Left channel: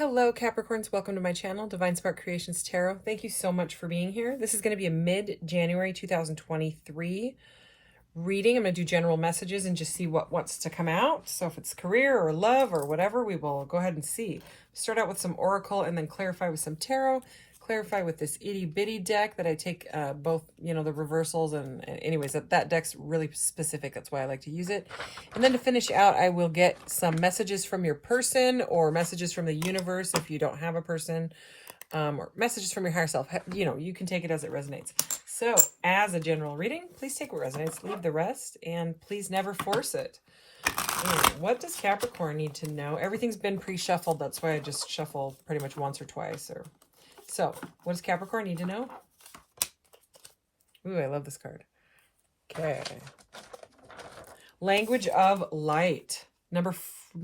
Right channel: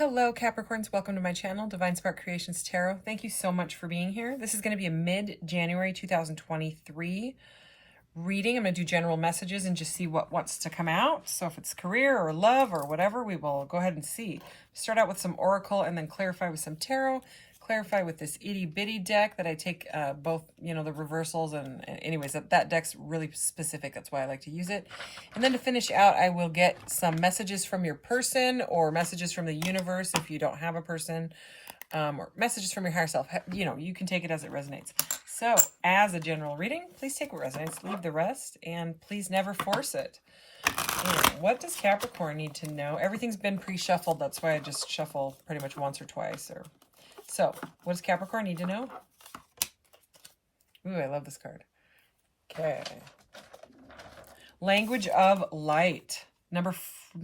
Hello Capricorns, welcome to my channel, Divine Spark Creations Tarot. Thank you so much for being here. This is going to be a mid-January 2023 reading. I'm going to do general messages and just see what wants to come out. So if it's career or love or whatever, we will go ahead and see. Start out with some oracle and then clarify with some tarot. Clarify with this itty bitty deck that I take both, the reversals and anyways, that deck's really specific. That's why I like to use it. And then to finish out, I will get some messages from your person or messages from the universe if you don't have a person, or messages from your higher self. You can take it as it resonates. So as a general reading, please take what resonates, leave the rest, and please never force it. What does Capricorn need to know? Everything's been pre-shuffled. That's why I just shuffle pretty much once or twice. So, what does Capricorn need to know? Ooh, I love this card. Okay. Language of light. Number,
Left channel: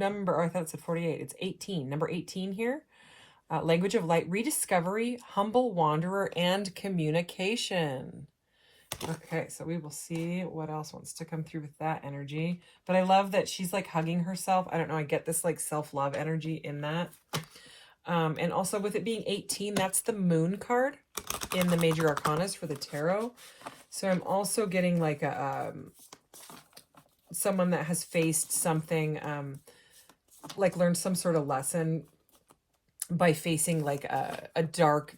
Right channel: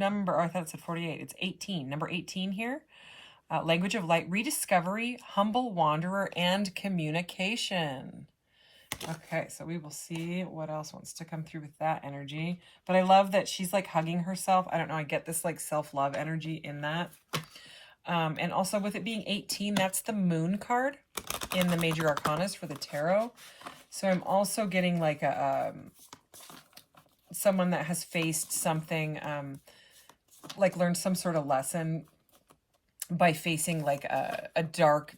oh, I thought it said 48. It's 18. Number 18 here. Language of light, rediscovery, humble wanderer, and communication. Okay, so we will see what else wants to come through with that energy. But I love that she's like hugging herself. I don't know, I get this like self-love energy in that. And also with it being 18, that's the moon card in the major arcanas for the tarot. So I'm also getting like someone that has faced something, like learned some sort of lesson by facing like a dark,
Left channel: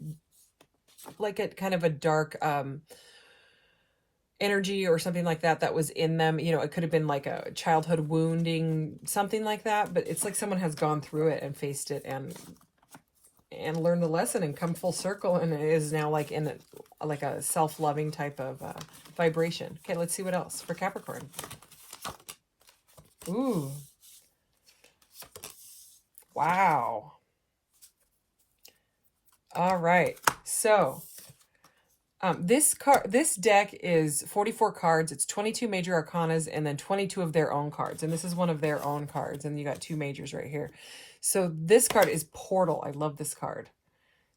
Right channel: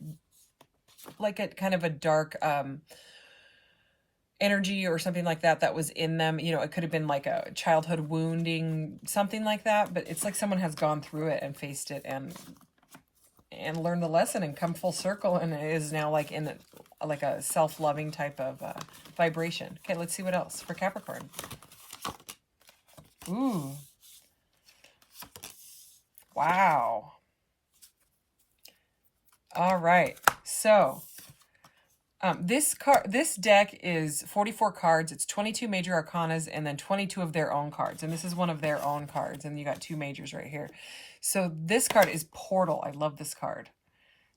like a kind of a dark energy or something like that was in them. It could have been like a childhood wounding, something like that, but it's like someone has gone through it and faced it and learn the lesson and come full circle, and it is now like in like a self-loving type of vibration. Okay, let's see what else for Capricorn. Ooh, wow. All right, so this deck is 44 cards. It's 22 major arcanas and then 22 of their own cards, and this is one of their own cards, and you got two majors right here. So this card is Portal. I love this card.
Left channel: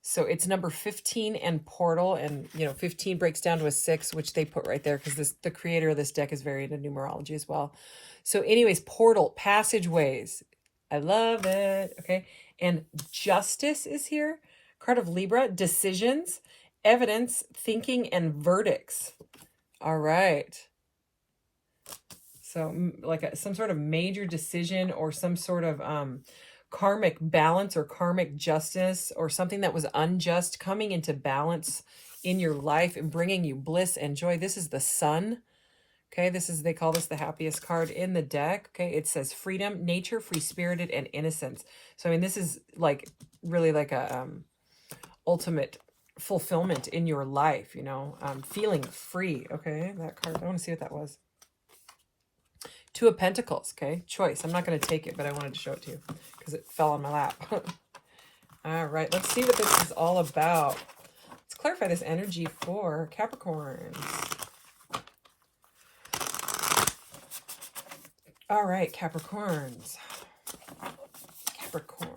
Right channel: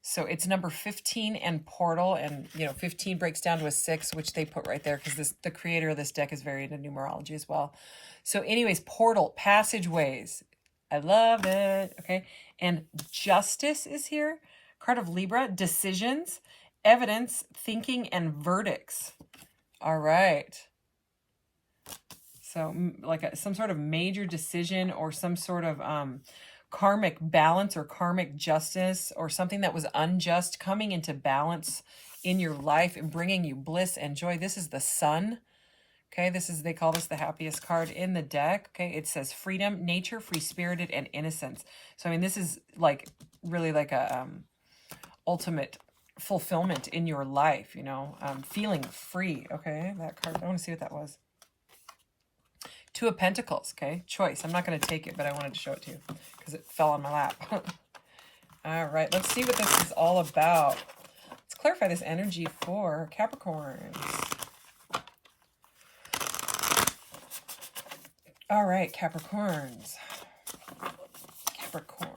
So it's number 15 and Portal, and 15 breaks down to a 6, which they put right there because the creator of this deck is very into numerology as well. So anyways, Portal, passageways. I love it. Okay, and Justice is here. Card of Libra, decisions, evidence, thinking, and verdicts. All right. So like some sort of major decision or some sort of karmic balance or karmic justice or something that was unjust coming into balance in your life and bringing you bliss and joy. This is the Sun. Okay, they call this the happiest card in the deck. Okay, it says freedom, nature, free-spirited, and innocence. So I mean, this is like really like a ultimate fulfillment in your life, feeling free. Okay, that card, I want to see what that was. Two of Pentacles, okay? Choice. I'm not going to take it, but I wanted to show it to you because it fell on my lap. All right, let's see what this is all about. Let's clarify this energy for Capricorns. All right, Capricorns. Capricorn.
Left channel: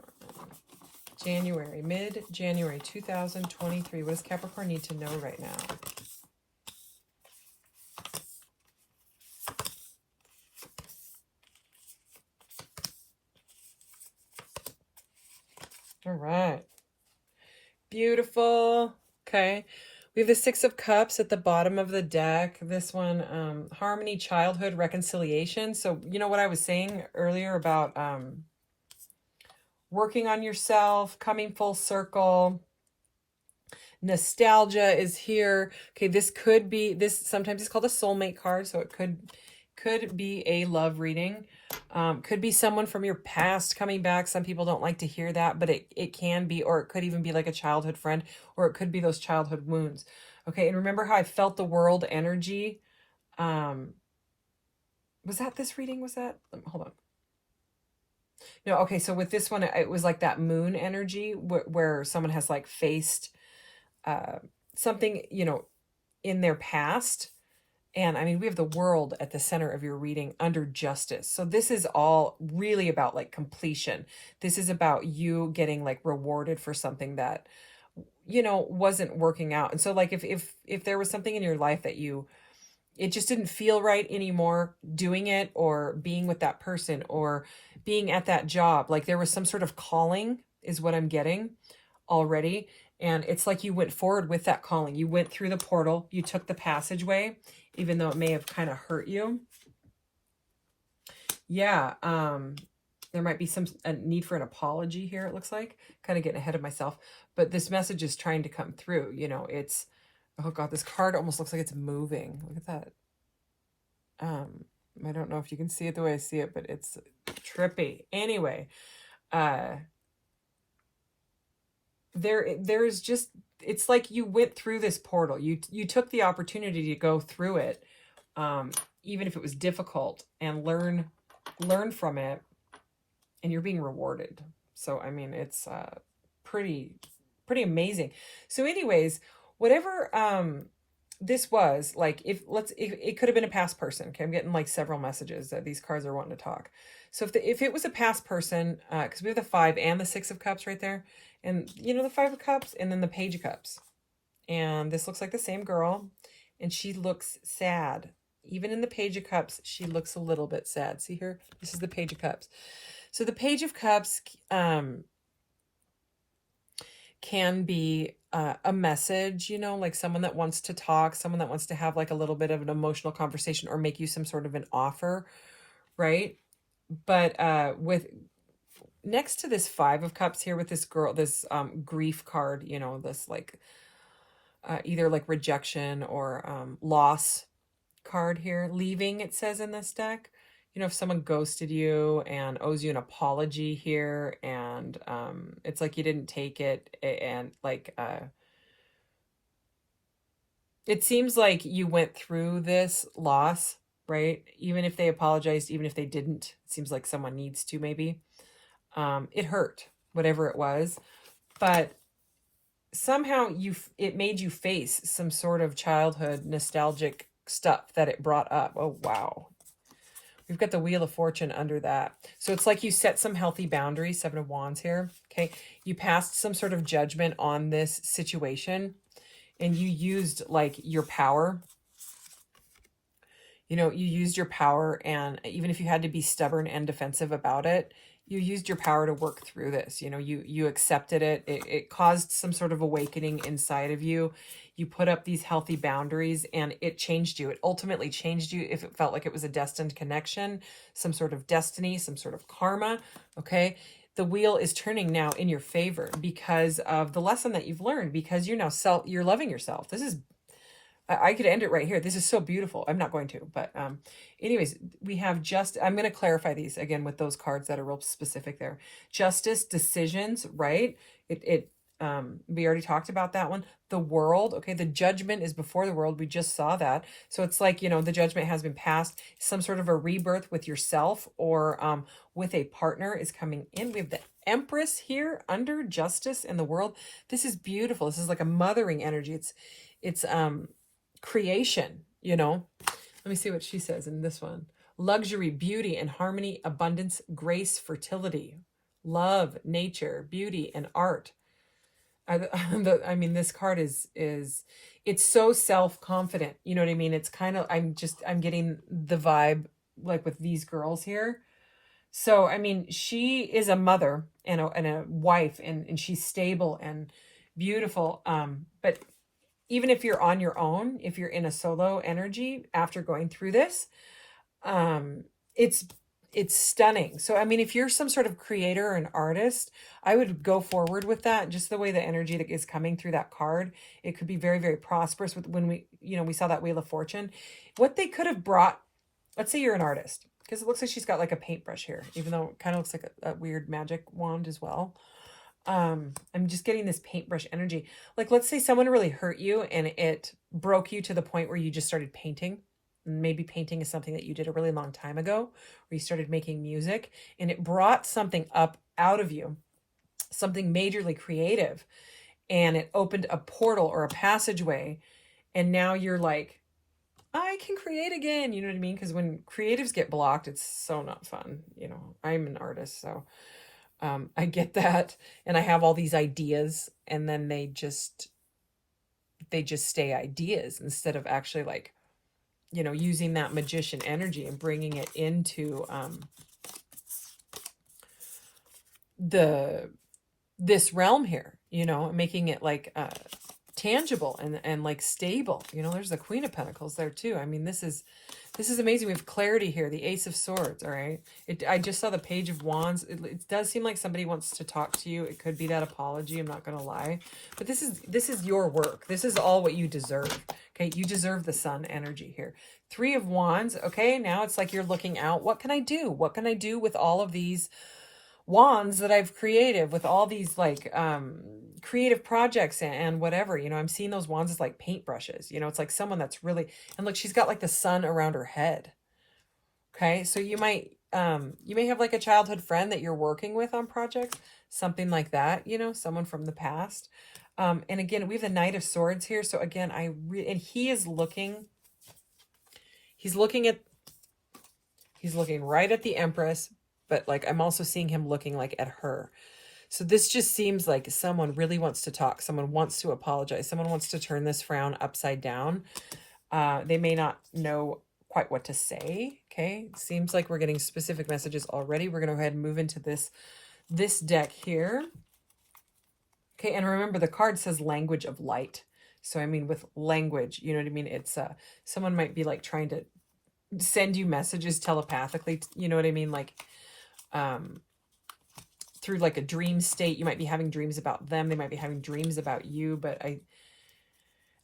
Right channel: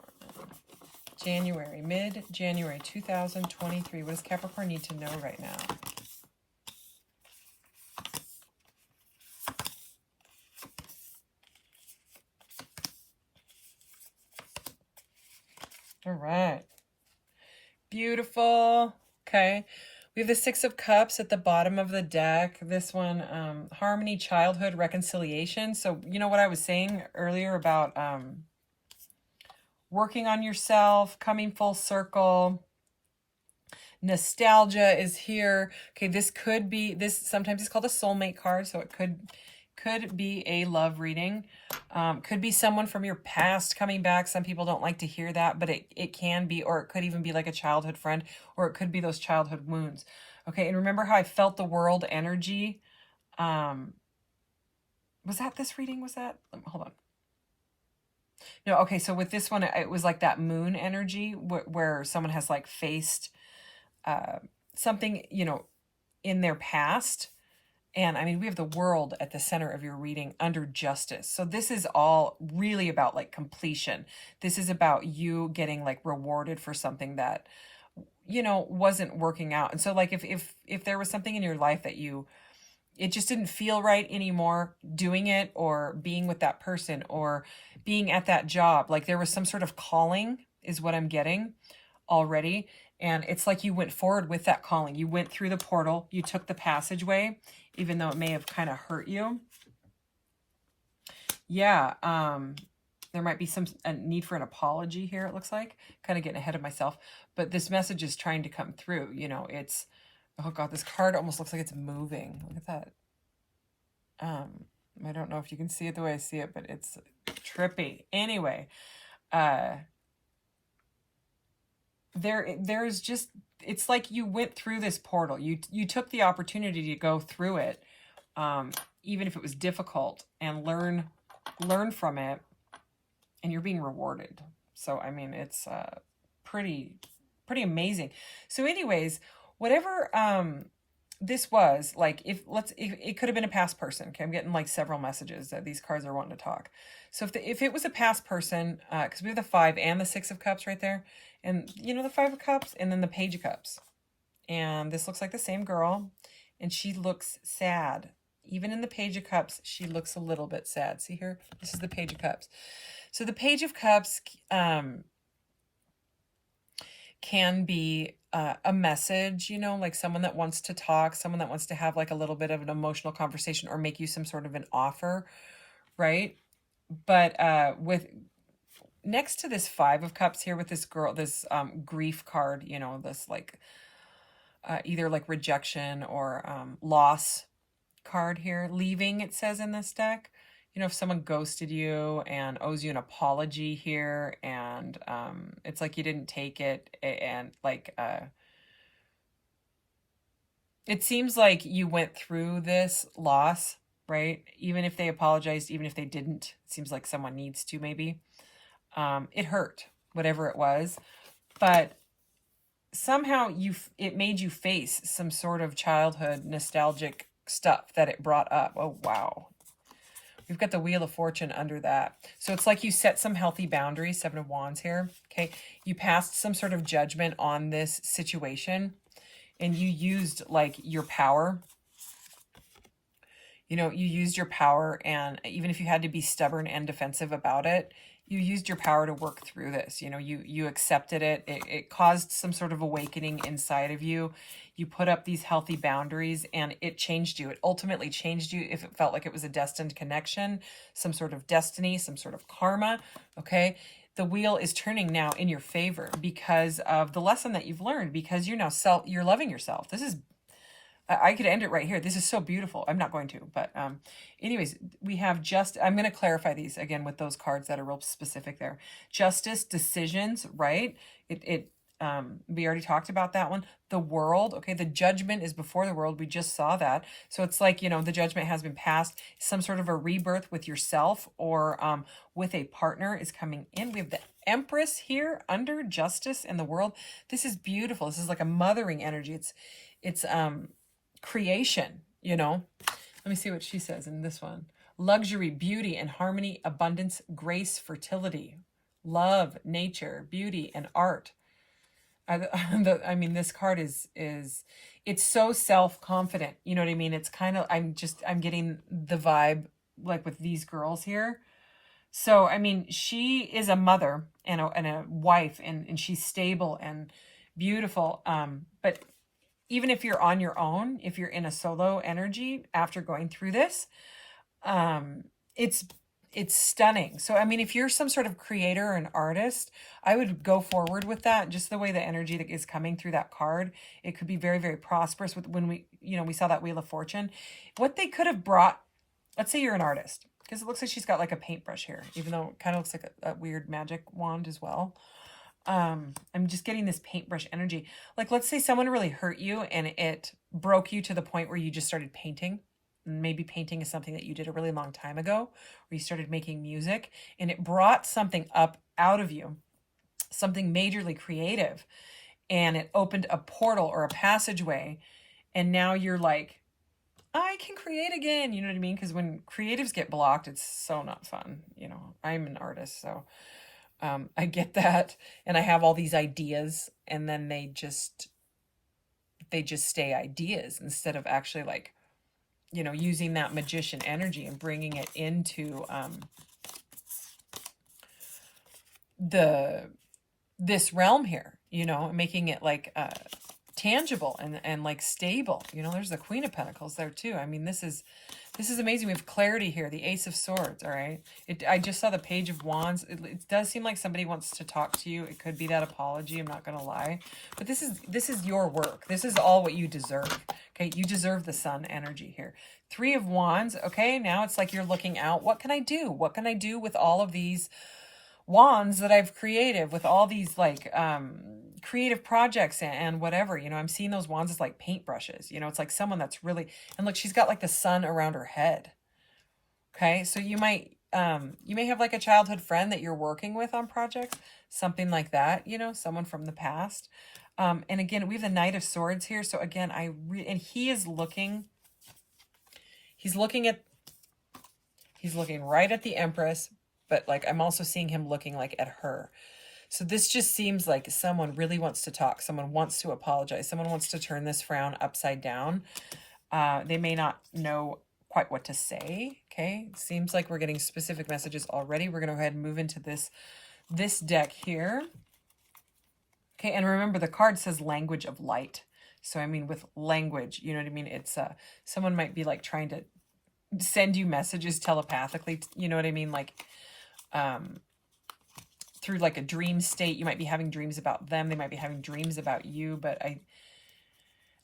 January, mid-January 2023. What does Capricorn need to know right now? All right. Beautiful. Okay. We have the Six of Cups at the bottom of the deck. This one, harmony, childhood, reconciliation. So, what I was saying earlier about working on yourself, coming full circle. Nostalgia is here. Okay, this sometimes it's called a soulmate card, so it could be a love reading. Could be someone from your past coming back. Some people don't like to hear that, but it can be, or it could even be like a childhood friend, or it could be those childhood wounds. Okay, and remember how I felt the world energy? Was that this reading? Was that? Hold on. No, okay, so with this one, it was like that moon energy where someone has like faced something, in their past. And I mean, we have the world at the center of your reading under justice. So this is all really about like completion. This is about you getting like rewarded for something that, wasn't working out. And so like if there was something in your life that it just didn't feel right anymore doing it or being with that person or being at that job, like there was some sort of calling is what I'm getting already. And it's like you went forward with that calling. You went through the portal. You took the passageway, even though it may have kind of hurt you. Yeah, there might be a need for an apology here, it looks like. Kind of getting ahead of myself. But this message is trying to come through. You know, it's, oh God, this card almost looks like it's moving. Look at that. I don't know if you can see it the way I see it, but it's trippy. Anyway, there's just, it's like you went through this portal. You took the opportunity to go through it, even if it was difficult, and learn from it, and you're being rewarded. So I mean, it's pretty amazing. So anyways, whatever this was, like, it could have been a past person. Okay, I'm getting like several messages that these cards are wanting to talk. So if it was a past person, because we have the 5 and the 6 of Cups right there, and you know, the 5 of Cups and then the Page of Cups, and this looks like the same girl, and she looks sad. Even in the Page of Cups, she looks a little bit sad. See here? This is the Page of Cups. So the Page of Cups can be a message, you know, like someone that wants to talk, someone that wants to have like a little bit of an emotional conversation or make you some sort of an offer, right? But with next to this 5 of Cups here with this girl, this grief card, you know, this like either like rejection or loss card here. Leaving, it says in this deck. You know, if someone ghosted you and owes you an apology here, and it's like you didn't take it, and like it seems like you went through this loss, right? Even if they apologized, even if they didn't, it seems like someone needs to, maybe. It hurt, whatever it was, but somehow it made you face some sort of childhood nostalgic stuff that it brought up. Oh, wow. We've got the Wheel of Fortune under that. So it's like you set some healthy boundaries, 7 of Wands here, okay? You passed some sort of judgment on this situation, and you used like your power. You know, you used your power, and even if you had to be stubborn and defensive about it, you used your power to work through this. You know, you accepted it. It caused some sort of awakening inside of you. You put up these healthy boundaries, and it changed you. It ultimately changed you if it felt like it was a destined connection, some sort of destiny, some sort of karma, okay? The wheel is turning now in your favor because of the lesson that you've learned, because you're now you're loving yourself. This is, I could end it right here. This is so beautiful. I'm not going to, but anyways, we have I'm going to clarify these again with those cards that are real specific there. Justice, decisions, right? We already talked about that one. The world, okay, the judgment is before the world. We just saw that. So it's like, you know, the judgment has been passed. Some sort of a rebirth with yourself or with a partner is coming in. We have the Empress here under justice and the world. This is beautiful. This is like a mothering energy. It's creation, you know. Let me see what she says in this one. Luxury, beauty and harmony, abundance, grace, fertility, love, nature, beauty and art. I mean, this card is it's so self-confident. You know what I mean? It's kind of, I'm getting the vibe like with these girls here. So, I mean, she is a mother and a wife, and she's stable and beautiful. But even if you're on your own, if you're in a solo energy after going through this, it's stunning. So, I mean, if you're some sort of creator or an artist, I would go forward with that. Just the way the energy that is coming through that card, it could be very, very prosperous. When we saw that Wheel of Fortune, what they could have brought, let's say you're an artist, because it looks like she's got like a paintbrush here, even though it kind of looks like a weird magic wand as well. I'm just getting this paintbrush energy. Like, let's say someone really hurt you and it broke you to the point where you just started painting. Maybe painting is something that you did a really long time ago, where you started making music, and it brought something up out of you, something majorly creative, and it opened a portal or a passageway, and now you're like, I can create again. You know what I mean? Because when creatives get blocked, it's so not fun. You know, I'm an artist, so I get that, and I have all these ideas, and then they just stay ideas instead of actually, like, you know, using that magician energy and bringing it into the this realm here, you know, making it like tangible and like stable. You know, there's the Queen of Pentacles there too. I mean, this is amazing. We have clarity here, the Ace of Swords. All right, I just saw the Page of Wands. It does seem like somebody wants to talk to you. It could be that apology, I'm not gonna lie, but this is your work. This is all what you deserve. Okay, you deserve the Sun energy here. Three of Wands. Okay, now it's like you're looking out. What can I do? What can I do with all of these wands that I've created, with all these like creative projects and whatever, you know? I'm seeing those wands as like paintbrushes, you know? It's like someone that's really, and look, she's got like the sun around her head. Okay, so you may have like a childhood friend that you're working with on projects, something like that, you know, someone from the past. And again, we have the Knight of Swords here. So again, and he is looking, he's looking right at the Empress, but like I'm also seeing him looking like at her. So this just seems like someone really wants to talk. Someone wants to apologize. Someone wants to turn this frown upside down. They may not know quite what to say. Okay, seems like we're getting specific messages already. We're going to go ahead and move into this deck here. Okay, and remember the card says language of light. So I mean, with language, you know what I mean? It's someone might be like trying to send you messages telepathically, you know what I mean? Like through like a dream state. You might be having dreams about them. They might be having dreams about you, but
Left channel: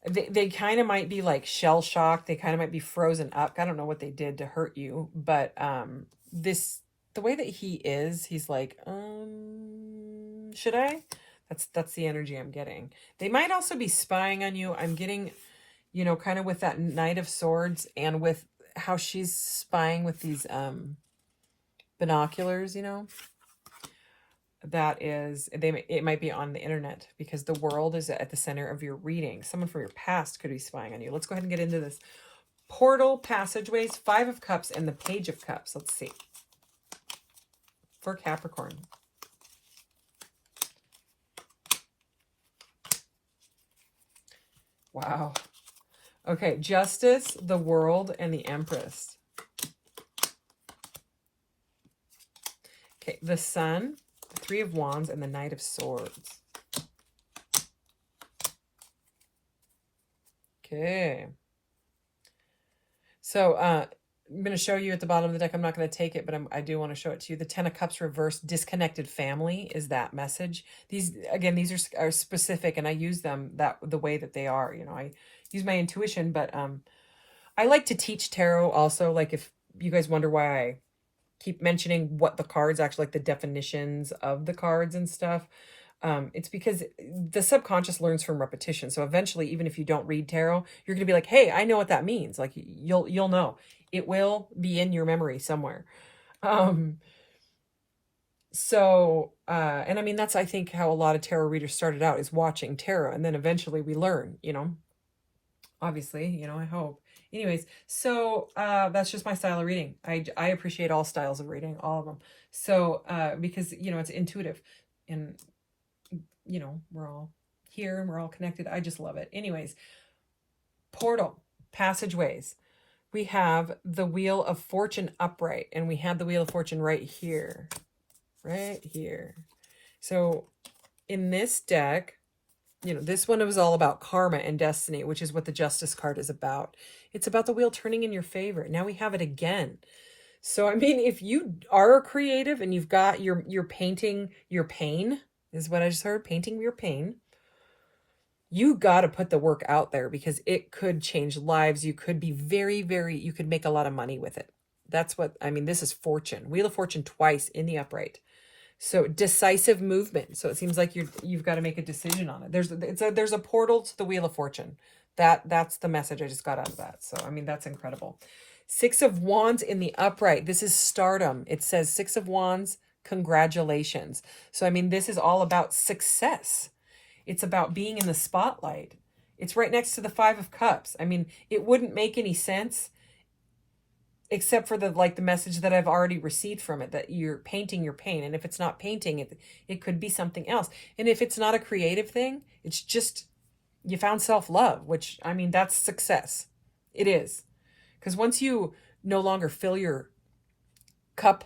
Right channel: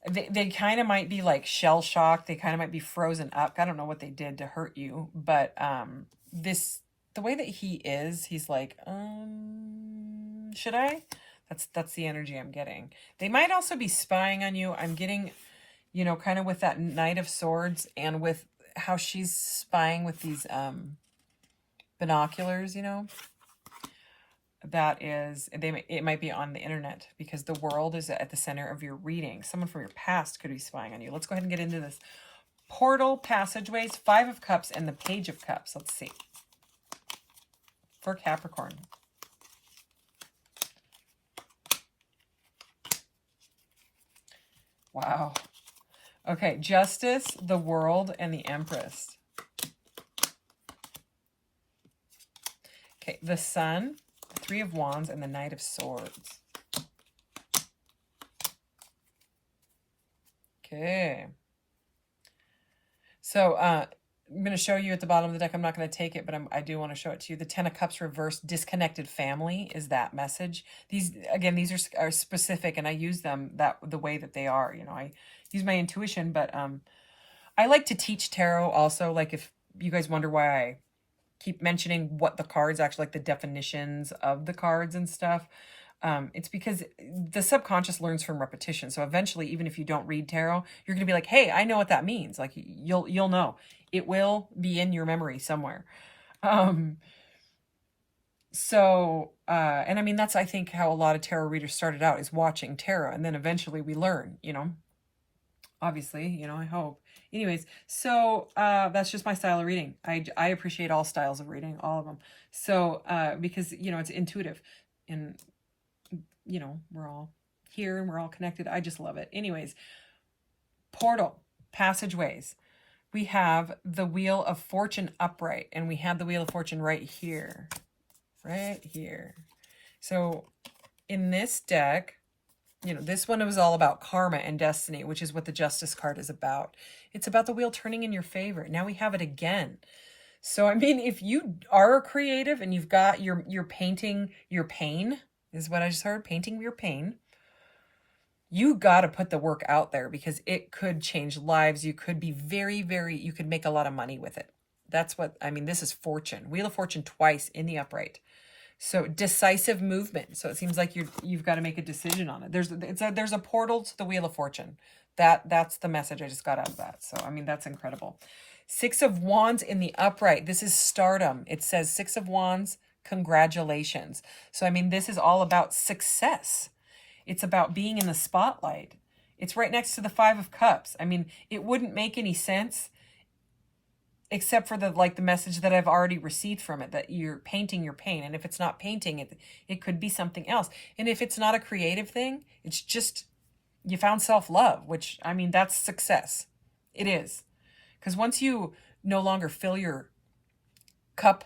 they kind of might be like shell shocked. They kind of might be frozen up. I don't know what they did to hurt you, but the way that he is, he's like, should I? That's the energy I'm getting. They might also be spying on you. I'm getting, you know, kind of with that Knight of Swords and with how she's spying with these binoculars, you know. That is, it might be on the internet because the world is at the center of your reading. Someone from your past could be spying on you. Let's go ahead and get into this. Portal, passageways, Five of Cups, and the Page of Cups. Let's see. For Capricorn. Wow. Okay, Justice, the World, and the Empress. Okay, the Sun, the Three of Wands, and the Knight of Swords. Okay. So, I'm going to show you at the bottom of the deck. I'm not going to take it, but I do want to show it to you. The Ten of Cups reversed, disconnected family is that message. These are specific, and I use them the way that they are. You know, I use my intuition, but I like to teach tarot also. Like if you guys wonder why I keep mentioning what the cards actually, like the definitions of the cards and stuff. It's because the subconscious learns from repetition. So eventually, even if you don't read tarot, you're going to be like, hey, I know what that means. Like you'll know. It will be in your memory somewhere. And I mean, that's, I think, how a lot of tarot readers started out, is watching tarot. And then eventually we learn, you know, obviously, you know, I hope. Anyways, so that's just my style of reading. I appreciate all styles of reading, all of them. So because, you know, it's intuitive and, you know, we're all here and we're all connected. I just love it. Anyways, portal, passageways. We have the Wheel of Fortune upright, and we had the Wheel of Fortune right here. Right here. So in this deck, you know, this one was all about karma and destiny, which is what the Justice card is about. It's about the wheel turning in your favor. Now we have it again. So, I mean, if you are a creative and you've got you're painting your pain, is what I just heard, painting your pain, you got to put the work out there because it could change lives. You could be you could make a lot of money with it. That's what, I mean, this is fortune. Wheel of Fortune twice in the upright. So decisive movement. So it seems like you've got to make a decision on it. There's a portal to the Wheel of Fortune. That's the message I just got out of that. So, I mean, that's incredible. Six of Wands in the upright. This is stardom. It says Six of Wands, congratulations. So, I mean, this is all about success. It's about being in the spotlight. It's right next to the Five of Cups. I mean, it wouldn't make any sense except for the message that I've already received from it, that you're painting your pain. And if it's not painting, it could be something else. And if it's not a creative thing, it's just you found self-love, which, I mean, that's success. It is. Because once you no longer fill your cup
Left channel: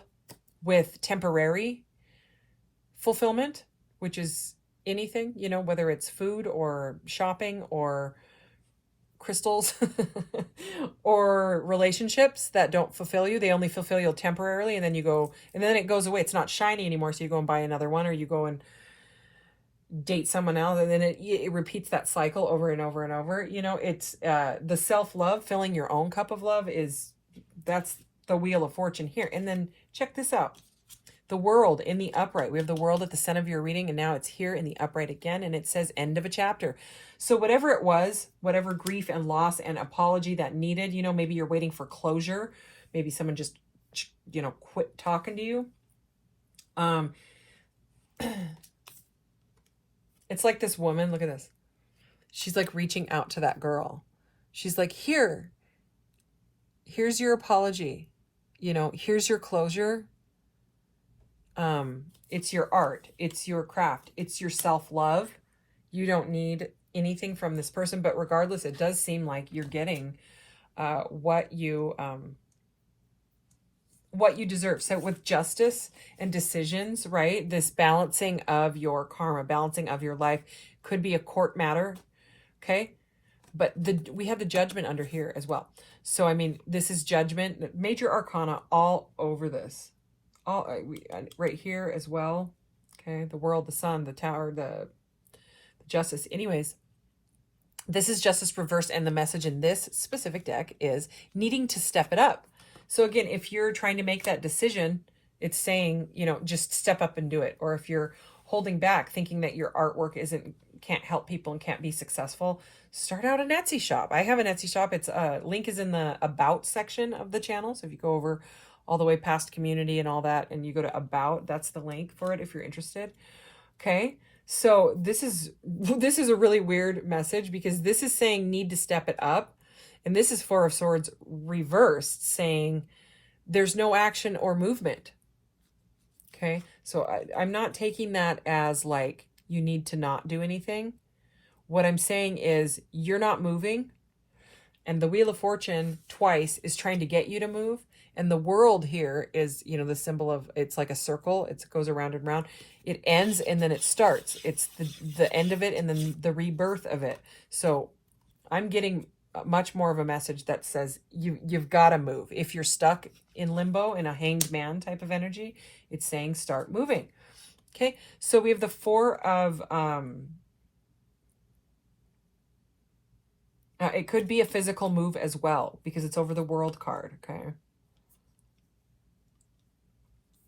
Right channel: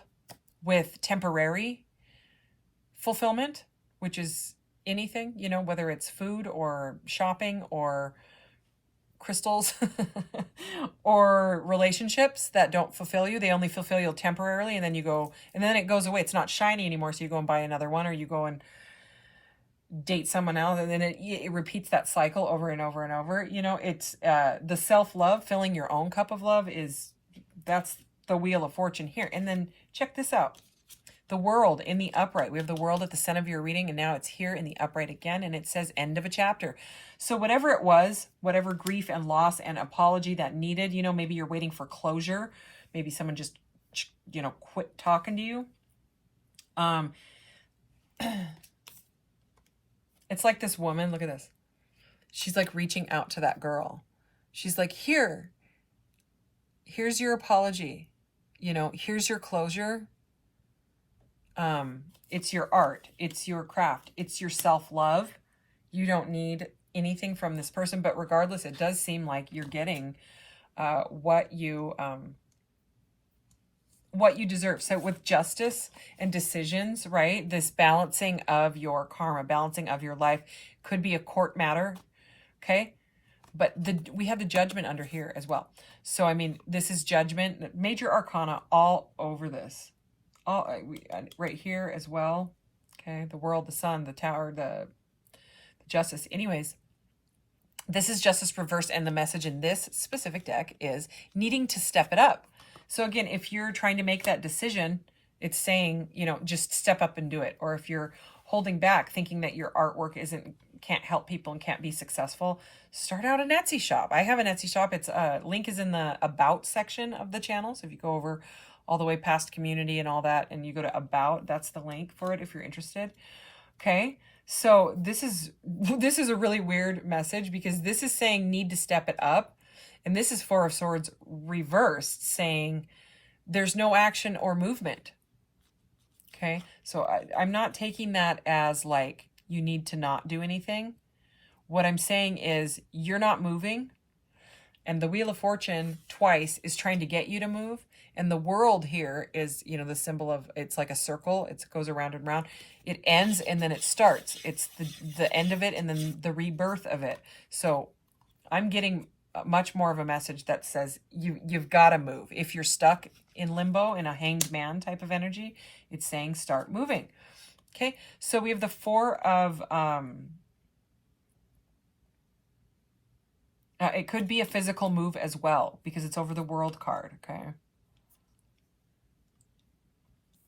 with temporary fulfillment, which is anything, you know, whether it's food or shopping or crystals or relationships that don't fulfill you. They only fulfill you temporarily, and then you go, and then it goes away. It's not shiny anymore, so you go and buy another one, or you go and date someone else, and then it repeats that cycle over and over and over. You know, it's the self-love, filling your own cup of love, that's the Wheel of Fortune here. And then check this out. The World in the upright. We have the World at the center of your reading, and now it's here in the upright again, and it says end of a chapter. So whatever it was, whatever grief and loss and apology that needed, you know, maybe you're waiting for closure. Maybe someone just, you know, quit talking to you. It's like this woman, look at this. She's like reaching out to that girl. She's like, here's your apology. You know, here's your closure. It's your art. It's your craft. It's your self-love. You don't need anything from this person, but regardless, it does seem like you're getting what you deserve. So with justice and decisions, right? This balancing of your karma, balancing of your life, could be a court matter, okay? But we have the Judgment under here as well. So, I mean, this is Judgment, major arcana all over this. All right here as well, okay? The World, the Sun, the Tower, the Justice. Anyways, this is Justice reversed, and the message in this specific deck is needing to step it up. So again, if you're trying to make that decision, it's saying, you know, just step up and do it. Or if you're holding back, thinking that your artwork can't help people and can't be successful, start out an Etsy shop. I have an Etsy shop. It's link is in the About section of the channel. So if you go over all the way past community and all that, and you go to About, that's the link for it if you're interested. Okay. So this is a really weird message, because this is saying need to step it up. And this is Four of Swords reversed, saying there's no action or movement. Okay, so I'm not taking that as like you need to not do anything. What I'm saying is you're not moving. And the Wheel of Fortune twice is trying to get you to move. And the World here is, you know, the symbol of, it's like a circle. It goes around and around. It ends and then it starts. It's the end of it and then the rebirth of it. So I'm getting much more of a message that says you've got to move. If you're stuck in limbo, in a hanged man type of energy, it's saying start moving. Okay, so we have the Four of it could be a physical move as well, because it's over the World card. Okay,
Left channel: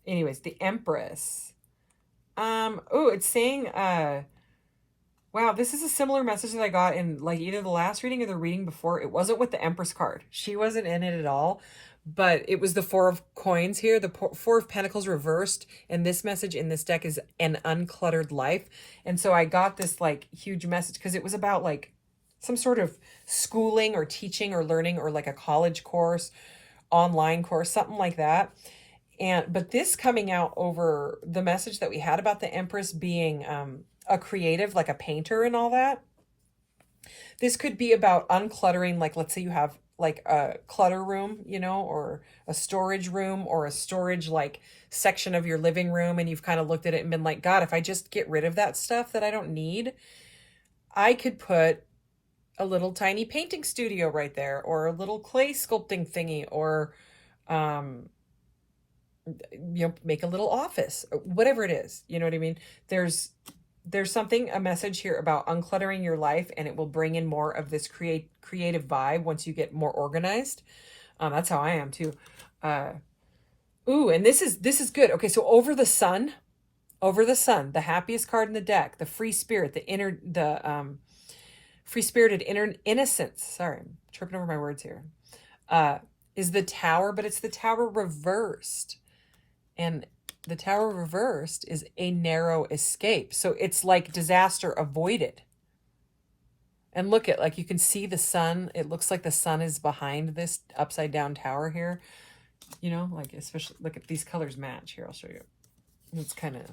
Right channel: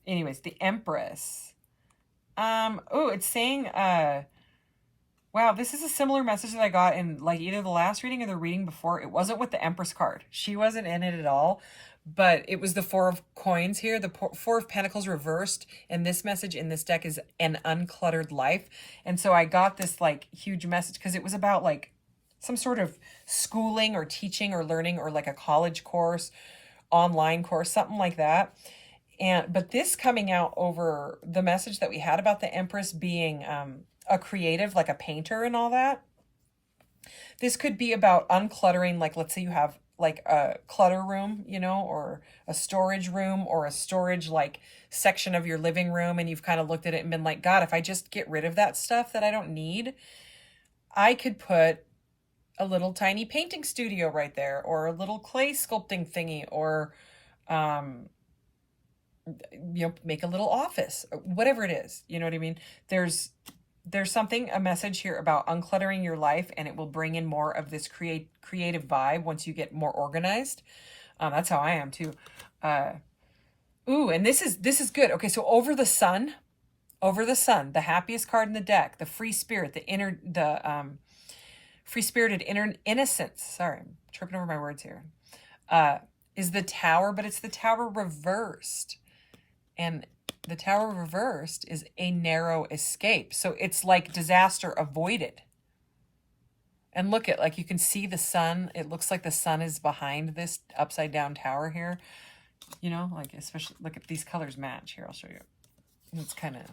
anyways, the Empress. Oh, it's saying wow, this is a similar message that I got in like either the last reading or the reading before. It wasn't with the Empress card. She wasn't in it at all, but it was the Four of Coins here, the Four of Pentacles reversed, and this message in this deck is an uncluttered life. And so I got this like huge message because it was about like some sort of schooling or teaching or learning, or like a college course, online course, something like that. But this coming out over the message that we had about the Empress being a creative, like a painter and all that. This could be about uncluttering, like let's say you have like a clutter room, you know, or a storage room, or a storage like section of your living room, and you've kind of looked at it and been like, God, if I just get rid of that stuff that I don't need, I could put a little tiny painting studio right there, or a little clay sculpting thingy, or you know, make a little office, whatever it is, you know what I mean? There's something, a message here about uncluttering your life, and it will bring in more of this creative vibe once you get more organized. That's how I am too. Ooh, and this is good. Okay, so over the sun, the happiest card in the deck, the free spirit, free spirited inner innocence. Sorry, I'm tripping over my words here. Is the Tower, but it's the Tower reversed. And the Tower reversed is a narrow escape. So it's like disaster avoided. And look at, like, you can see the sun. It looks like the sun is behind this upside down tower here. You know, like, especially, look at these colors match here. I'll show you. It's kind of,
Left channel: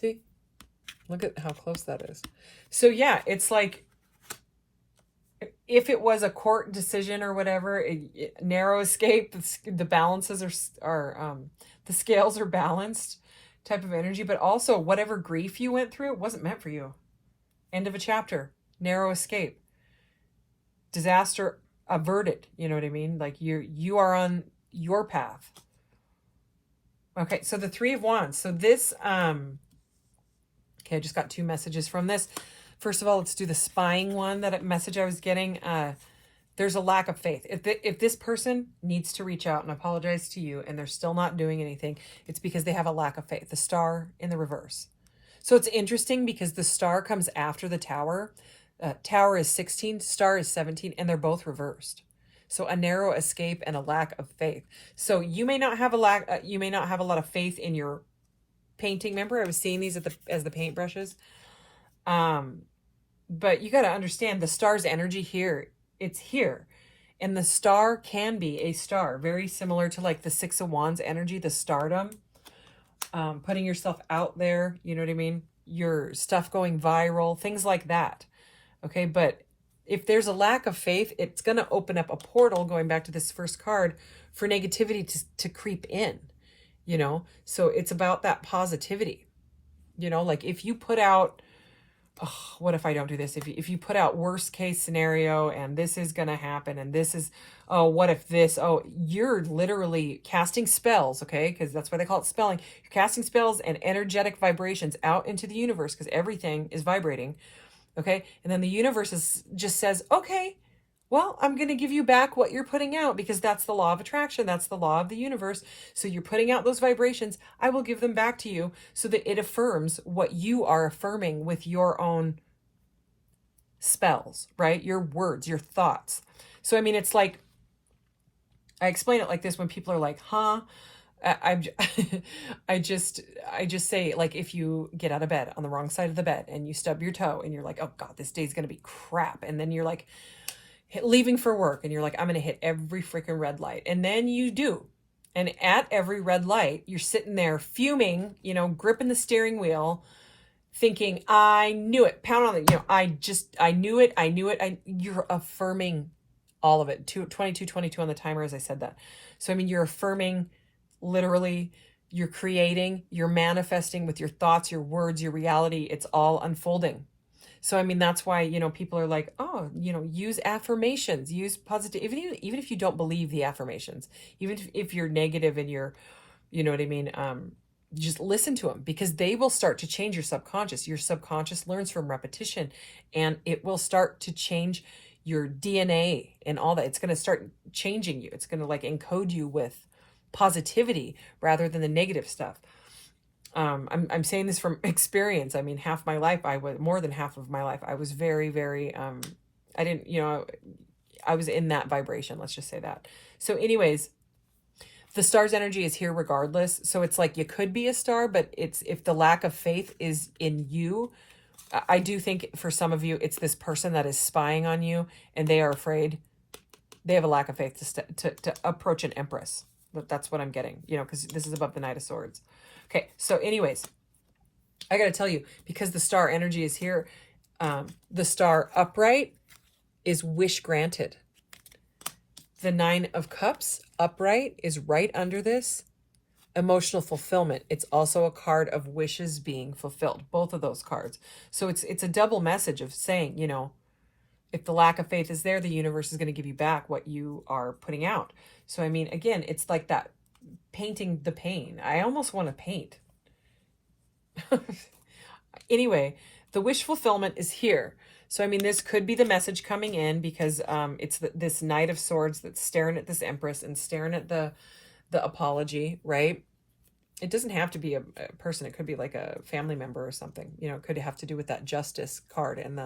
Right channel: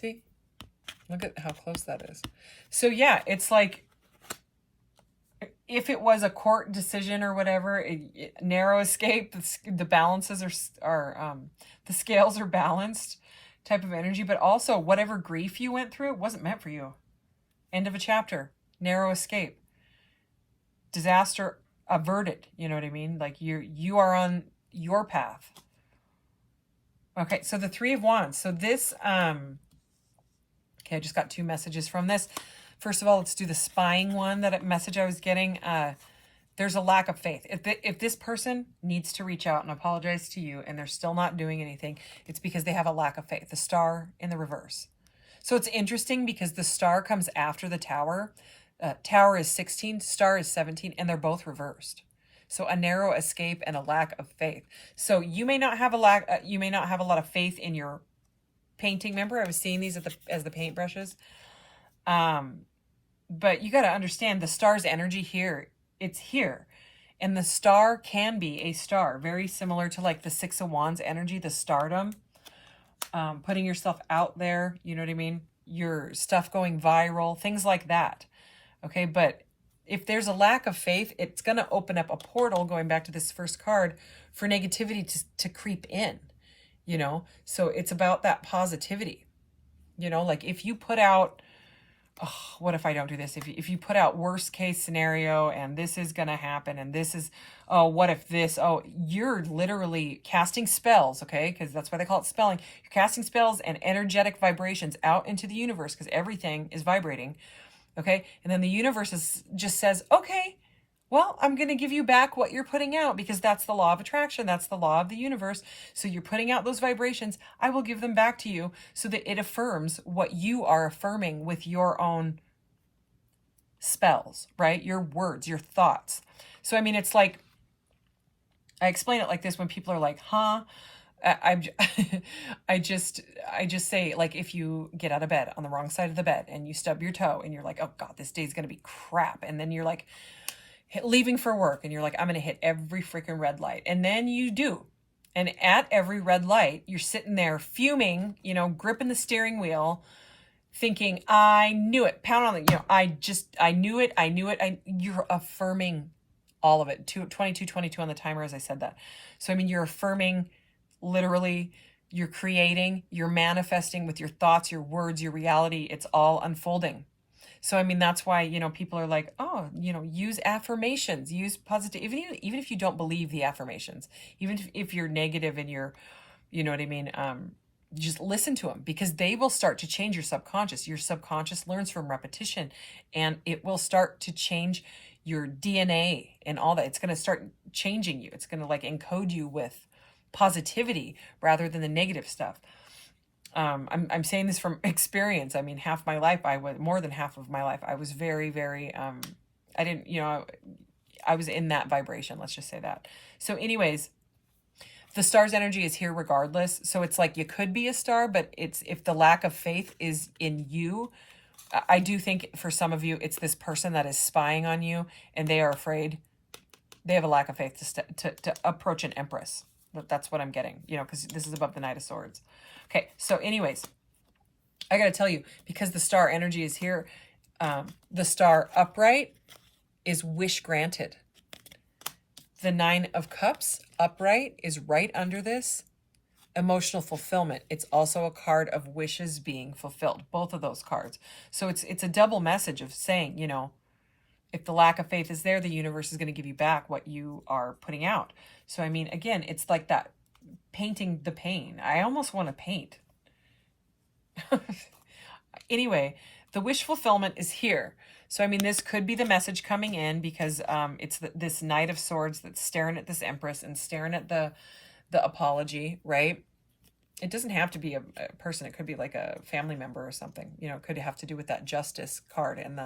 see? Look at how close that is. So yeah, it's like, if it was a court decision or whatever, narrow escape, the balances are the scales are balanced type of energy, but also whatever grief you went through, it wasn't meant for you. End of a chapter, narrow escape, disaster averted. You know what I mean? Like you are on your path. Okay, so the Three of Wands. So this, okay, I just got 2 messages from this. First of all, let's do the spying one, that message I was getting. There's a lack of faith. If this person needs to reach out and apologize to you and they're still not doing anything, it's because they have a lack of faith. The Star in the reverse. So it's interesting because the Star comes after the Tower. Tower is 16, Star is 17, and they're both reversed. So a narrow escape and a lack of faith. So you may not have a lot of faith in your painting. Remember, I was seeing these as the paintbrushes. But you got to understand the Star's energy here. It's here. And the Star can be a star, very similar to like the Six of Wands energy, the stardom, putting yourself out there, you know what I mean? Your stuff going viral, things like that. Okay, but if there's a lack of faith, it's going to open up a portal, going back to this first card, for negativity to creep in, you know? So it's about that positivity, you know? Like if you put out, oh, what if I don't do this? If you put out worst case scenario and this is going to happen and this is, oh, what if this, oh, you're literally casting spells, okay? Because that's why they call it spelling. You're casting spells and energetic vibrations out into the universe because everything is vibrating, okay? And then the universe just says, okay, well, I'm going to give you back what you're putting out because that's the law of attraction. That's the law of the universe. So you're putting out those vibrations. I will give them back to you so that it affirms what you are affirming with your own spells, right? Your words, your thoughts. So, I mean, it's like, I explain it like this when people are like, huh? I just say, like, if you get out of bed on the wrong side of the bed and you stub your toe and you're like, oh God, this day's going to be crap. And then you're like, leaving for work and you're like, I'm going to hit every freaking red light. And then you do. And at every red light, you're sitting there fuming, you know, gripping the steering wheel, thinking, I knew it, pound on it. You know, I knew it. You're affirming all of it. 22 on the timer as I said that. So, I mean, you're affirming literally, you're creating, you're manifesting with your thoughts, your words, your reality. It's all unfolding. So, I mean, that's why, you know, people are like, oh, you know, use affirmations, use positive, even if you don't believe the affirmations, even if you're negative and you're, you know what I mean? Just listen to them because they will start to change your subconscious. Your subconscious learns from repetition and it will start to change your DNA and all that. It's going to start changing you. It's going to like encode you with positivity rather than the negative stuff. I'm saying this from experience. I mean, more than half of my life, I was very, very, I didn't, you know, I was in that vibration. Let's just say that. So anyways, the Star's energy is here regardless. So it's like, you could be a star, but if the lack of faith is in you, I do think for some of you, it's this person that is spying on you and they are afraid. They have a lack of faith to approach an empress. That's what I'm getting, you know, because this is above the Knight of Swords. Okay, so anyways, I got to tell you, because the Star energy is here, the Star upright is wish granted. The Nine of Cups upright is right under this, emotional fulfillment. It's also a card of wishes being fulfilled, both of those cards. So it's a double message of saying, you know, if the lack of faith is there, the universe is going to give you back what you are putting out. So, I mean, again, it's like that painting the pain. I almost want to paint. Anyway, the wish fulfillment is here. So, I mean, this could be the message coming in because it's this Knight of Swords that's staring at this Empress and staring at the apology, right? It doesn't have to be a person. It could be like a family member or something. You know, it could have to do with that Justice card and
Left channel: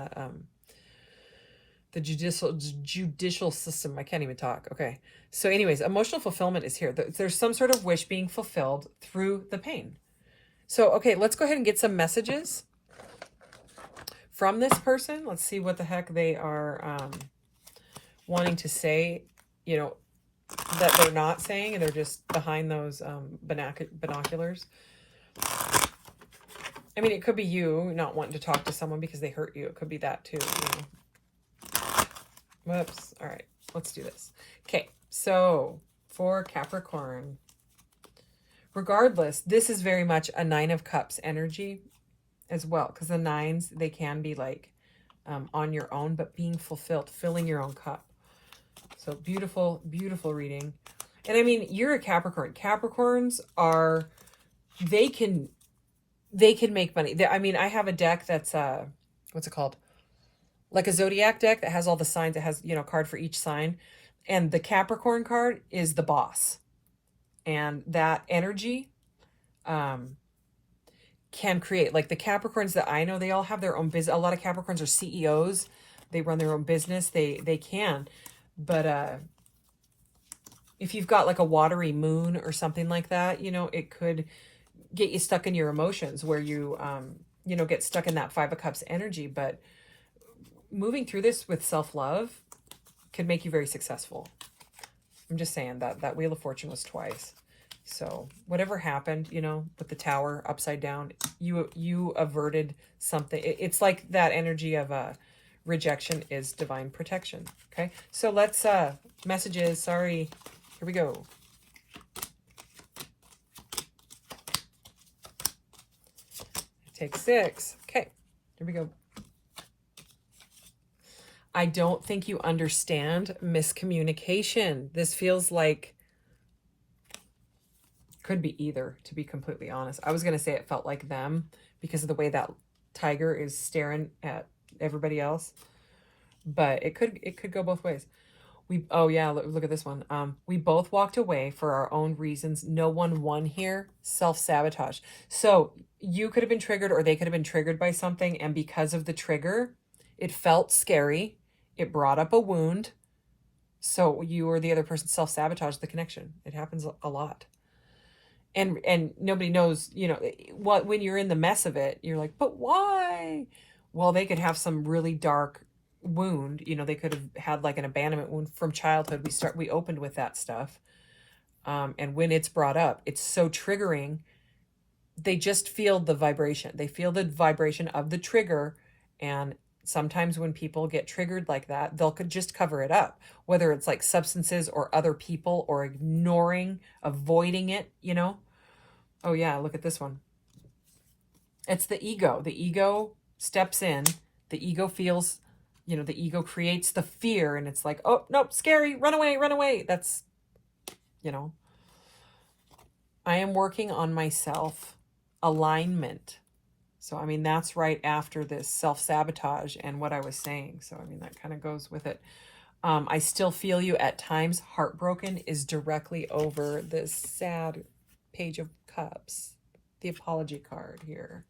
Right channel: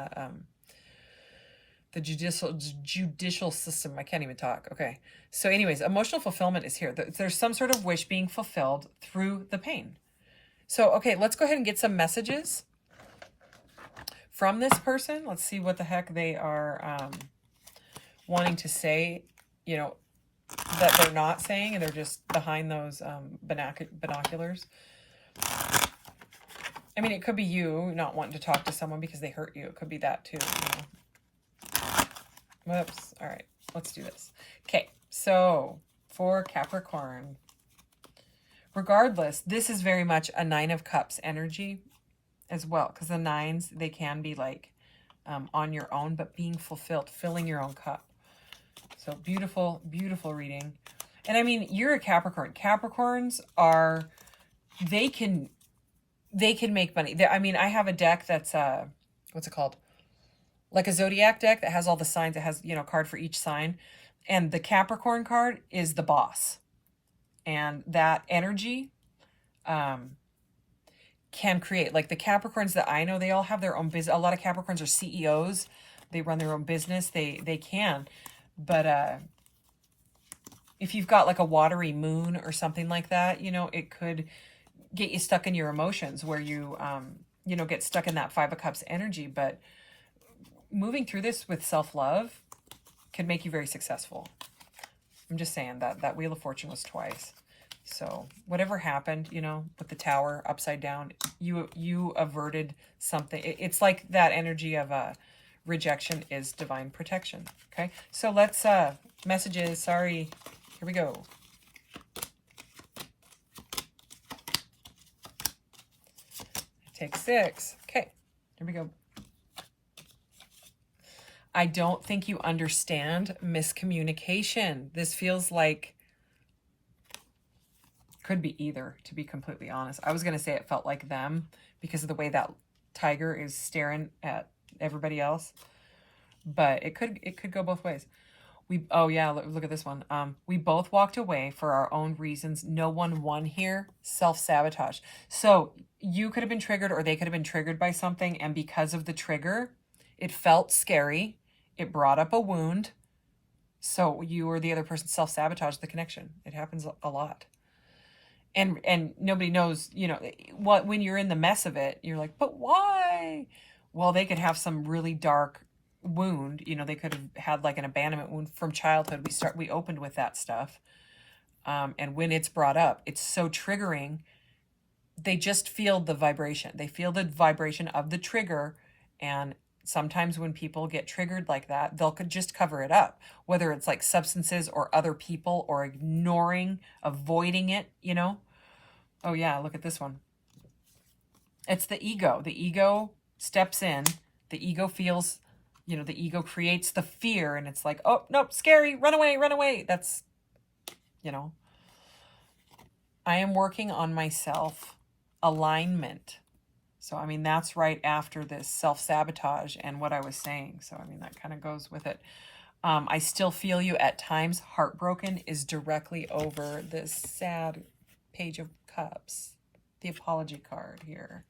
the judicial system. I can't even talk. Okay. So anyways, emotional fulfillment is here. There's some sort of wish being fulfilled through the pain. So, okay, let's go ahead and get some messages from this person. Let's see what the heck they are wanting to say, you know, that they're not saying, and they're just behind those binoculars. I mean, it could be you not wanting to talk to someone because they hurt you. It could be that too, you know. Whoops. All right, let's do this. Okay, so for Capricorn, regardless, this is very much a Nine of Cups energy as well, because the nines, they can be like on your own, but being fulfilled, filling your own cup. So beautiful, beautiful reading. And I mean, you're a Capricorn. Capricorns are, they can make money. I mean, I have a deck that's, what's it called? Like a zodiac deck that has all the signs. It has, you know, a card for each sign. And the Capricorn card is the boss. And that energy can create, like the Capricorns that I know, they all have their own business. A lot of Capricorns are CEOs. They run their own business. They can. But if you've got like a watery moon or something like that, you know, it could get you stuck in your emotions where you, you know, get stuck in that Five of Cups energy. But moving through this with self-love could make you very successful. I'm just saying that Wheel of Fortune was twice. So whatever happened, you know, with the Tower upside down, you averted something. It's like that energy of rejection is divine protection. Okay, so let's messages. Sorry, here we go. Take 6. Okay, here we go. I don't think you understand miscommunication. This feels like, could be either, to be completely honest. I was going to say it felt like them because of the way that tiger is staring at everybody else. But it could go both ways. Oh yeah, look at this one. We both walked away for our own reasons. No one won here. Self-sabotage. So you could have been triggered, or they could have been triggered by something, and because of the trigger, it felt scary. It brought up a wound. So you or the other person self-sabotaged the connection. It happens a lot. And nobody knows, you know, what, when you're in the mess of it, you're like, but why? Well, they could have some really dark wound. You know, they could have had like an abandonment wound from childhood. We opened with that stuff. And when it's brought up, it's so triggering. They just feel the vibration. They feel the vibration of the trigger. And sometimes when people get triggered like that, they'll could just cover it up, whether it's like substances or other people or ignoring, avoiding it, you know? Oh yeah, look at this one. It's the ego. The ego steps in. The ego feels, you know, the ego creates the fear, and it's like, oh, nope, scary, run away, run away. That's, you know, I am working on myself alignment. So, I mean, that's right after this self-sabotage and what I was saying. So, I mean, that kind of goes with it. I still feel you at times. Heartbroken is directly over this sad Page of Cups, the apology card here.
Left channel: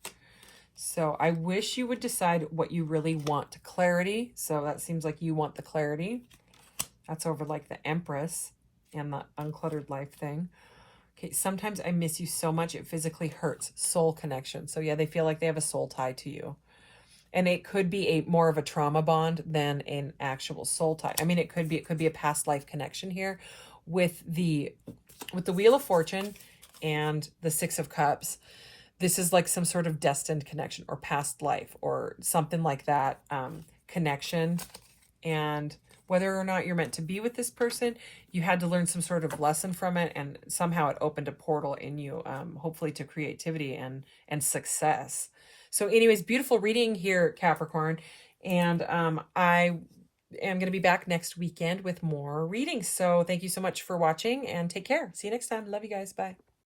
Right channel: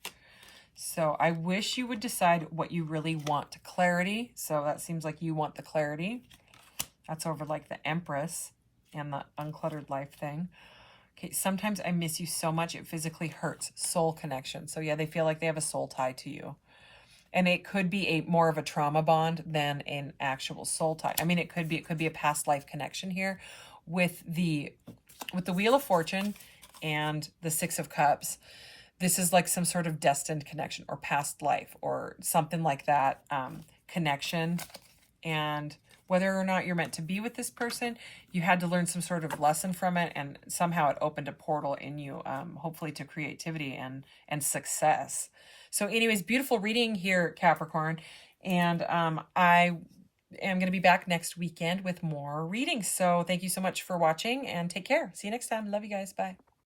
So I wish you would decide what you really want. Clarity. So that seems like you want the clarity. That's over like the Empress and the uncluttered life thing. Okay, sometimes I miss you so much it physically hurts. Soul connection. So yeah, they feel like they have a soul tie to you. And it could be more of a trauma bond than an actual soul tie. I mean, it could be a past life connection here with the Wheel of Fortune and the Six of Cups. This is like some sort of destined connection or past life or something like that connection. And whether or not you're meant to be with this person, you had to learn some sort of lesson from it, and somehow it opened a portal in you, hopefully to creativity and success. So anyways, beautiful reading here, Capricorn. And I am going to be back next weekend with more readings. So thank you so much for watching, and take care. See you next time. Love you guys. Bye.